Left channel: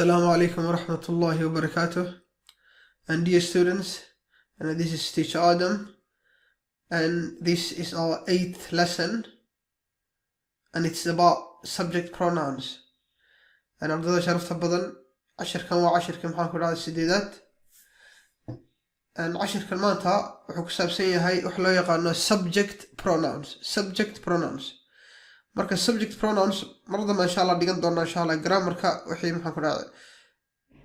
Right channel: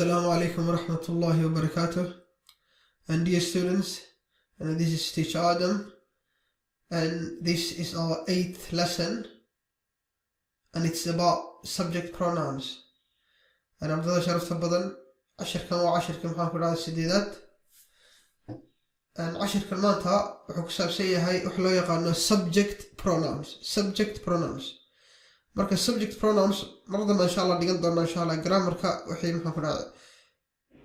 Assalamu alaikum wa rahmatullahi wa barakatuh. And dear students, this is teacher Adam, and this is our 8th lesson, and it's about subject pronouns. And أفضل شرف بدل 10 كلمات و10 كلمات على السديدات. and 10 كلماتها وحكساب سيئة هاي أحلى يقال subject pronouns. marka subject pronouns marada insha Allah dhigan doona insha Allah grammarka wixii maxaan ku raacay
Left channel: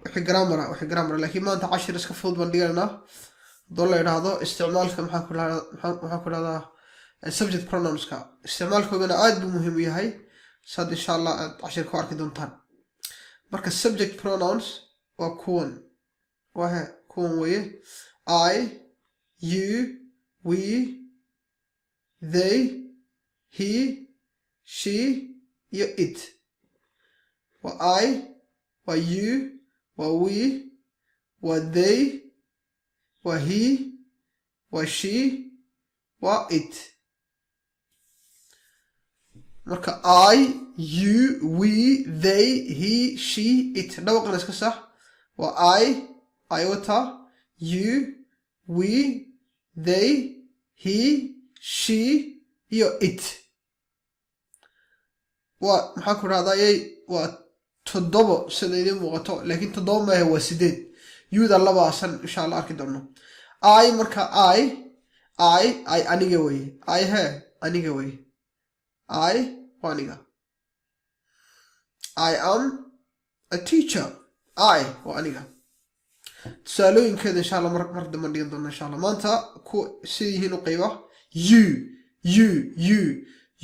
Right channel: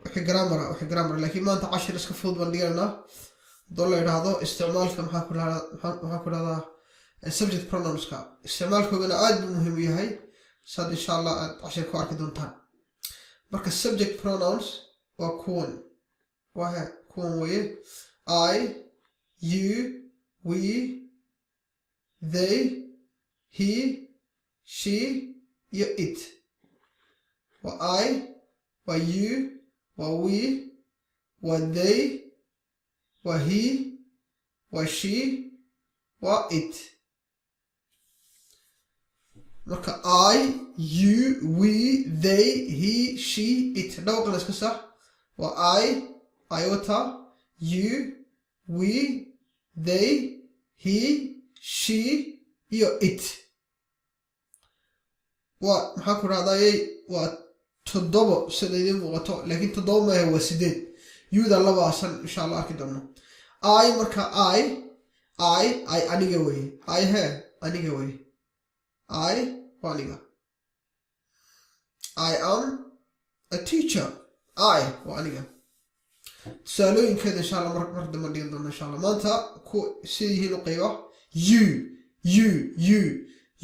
wixii grammar laakiin maanta 10 iska fudud baan dhiganaa doo la yiraahdo isticmaalka maxaan ku raacdaa subject pronouns ka isticmaalkoodana aad buu muhiim u yahay sad insha Allah 10 ku arki doontaan marka subject pronouns waa kuwan way I, you, we, they, he, she, you, it. Wa I, wa you, wa we, wa they, wa he, wa she, wa it. Marka I, you, we, they, he, she, it. Dhawaqa la iska sax. Wa I, iota, you, we, they, he, she, you, it. maxaan ku raadayay waa 7 sida idin muuqato laakiin 7 ma waa 8 yuda labaasan insha Allah arki doono I marka I aniga way aniga way aniga I am a teacher waa aniga tusaalooyinkeeda insha Allah mar dambe dhigan doono insha Allah maanta ku sidii u qayba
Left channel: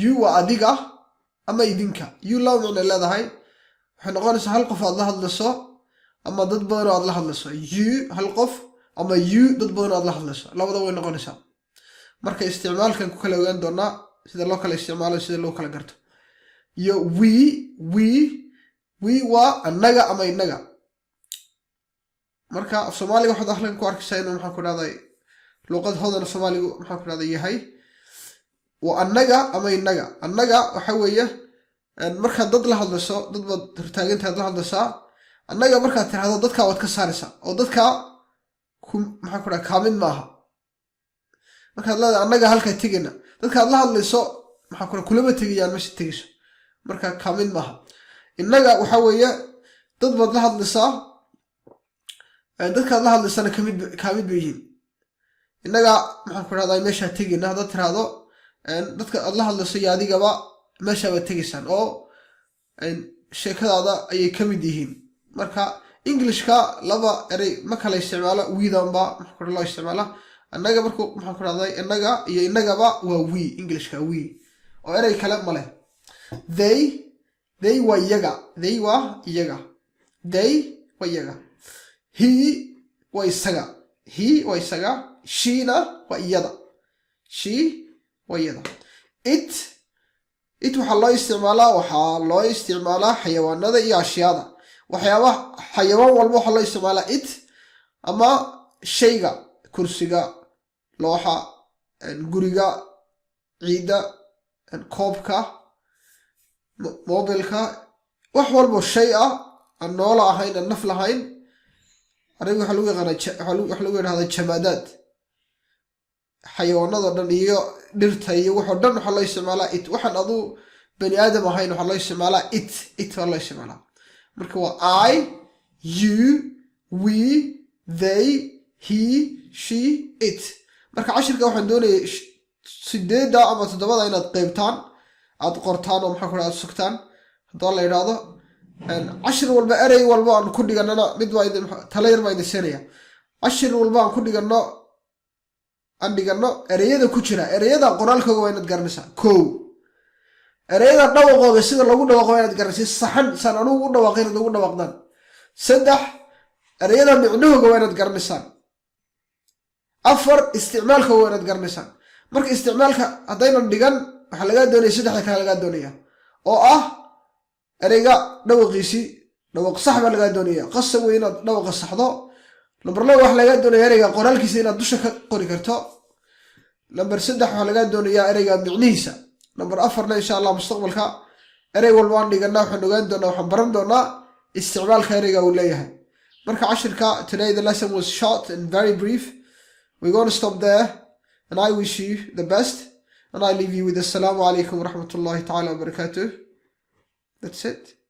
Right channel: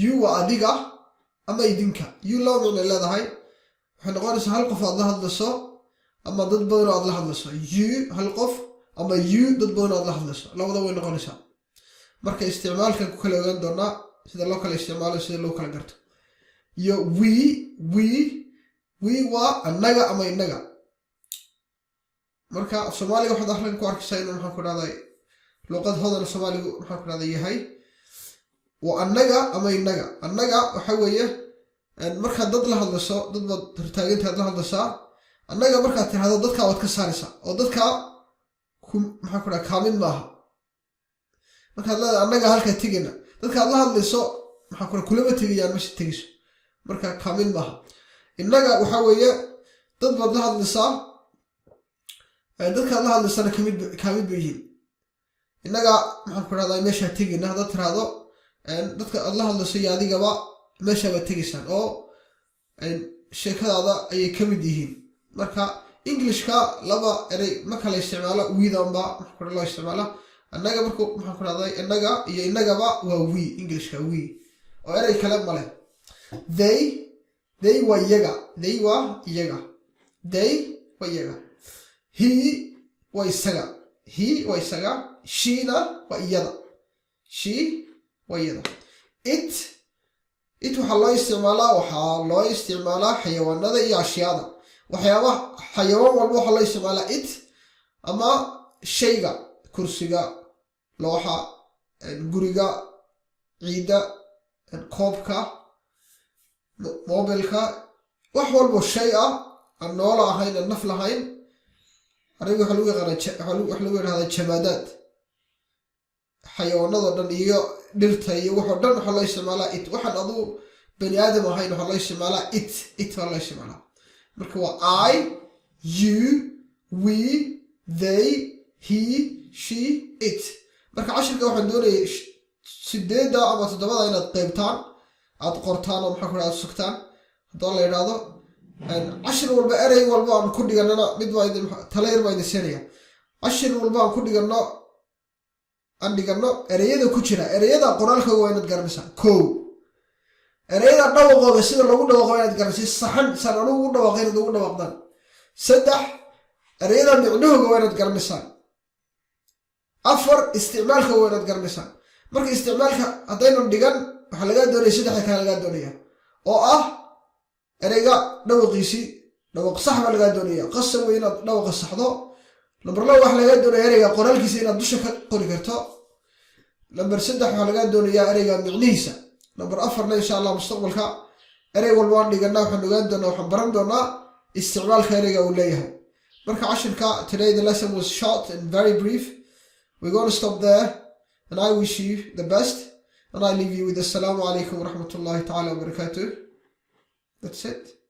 you waa adiga ama idinka you lawna leedahay waxay noqonaysaa hal qof aad la hadlayso ama dad badan aad la hadlayso you hal qof ama you dad badan aad la hadlayso labadaba way noqonaysaa marka isticmaalkan ku kala ogaan doonaa sida loo kala isticmaalo sida loo kala garto iyo we waa annaga ama inaga marka Soomaaliga waxa dakhlan ku arkaysaa inuu maxaan ku dhahday luqad hodan Soomaaligu maxaan ku dhahday yahay وأنجا أما ينجا النجا وحويه مركز ضد له هذا ضد ترتاجت هذا الصا النجا مركز هذا ضد كا وتكسرسا أو ضد كا محكورة كامل معها مركز لا النجا هالك تيجينا ضد كا الله هذا الصا محكورة كل ما تيجي يعني مش تيجي مركز كامل معها النجا وحويه ضد له هذا الصا ضد كا الله هذا الصا كامل بيجي النجا محكورة هذا مش تيجينا ضد هذا dadka Allah la siyaadiga meesha way tagaysan oo sheekadaada ay ka mid yihiin marka Englishka laba eray ma kala isticmaalo wiidamba marka la isticmaalo annaga markuu maxaan ku raadayay annaga iyo inagaba waa we Englishka we oo eray kala male they waa iyaga they waa iyaga he waa isaga sheena waa iyada she ويدا it waxaa loo isticmaalaa xayawaanada iyo ashyaada waxyaabaha xayawaan walba waxaa loo isticmaalaa it ama shayga kursiga looxa guriga ciida koobka mobilka wax walba shay ah aan nool ahayn aan naf lahayn aniga waxa lagu yiraahdaa jamaadaad xayawaanada dhan iyo dhirta iyo wax dhan waxa la isticmaalaa it waxaan adu bani aadam ahayn waxa la isticmaalaa it waxa la isticmaalaa marka waa I you we they he she it marka cashirka waxaan doonayaa 8 ama 7 inaad qaybtaan aad qortaan oo maxaa ku raad sugtaan hadoo la yiraahdo cashir walba eray walba aan ku dhiganana mid waa idin taleer ma idin seenaya cashir walba aan ku dhigano andigano ereyada ku jira ereyada qoraalka waa inaad garanaysaa ereyada dhawaqooda sida lagu dhawaaqo inaad garanaysaa saxan san ugu dhawaaqay ugu dhawaaqdan 3 ereyada micnahooda waa inaad garanaysaa 4 isticmaalka waa inaad garanaysaa marka isticmaalka hadaynan dhigan waxa laga doonayaa 3 kale laga doonayaa oo ah ereyga dhawaqiisi dhawaq sax baa laga doonayaa qasab weyn inaad dhawaqa saxdo number 2 waxa laga doonayaa ereyga qoraalkiisa inaad dusha ka qori karto number 3 waxa laga doonayaa ereyga micnihiisa number 4 insha Allah mustaqbalka erey walba aan dhigana waxaan ogaan doonaa waxaan baran doonaa استغلال خيرية وليها. مركا عشركا today the lesson was short and very brief. We're going to stop there, and I wish you the best, and I leave you with Assalamu alaikum wa rahmatullahi ta'ala wa barakatuh. That's it.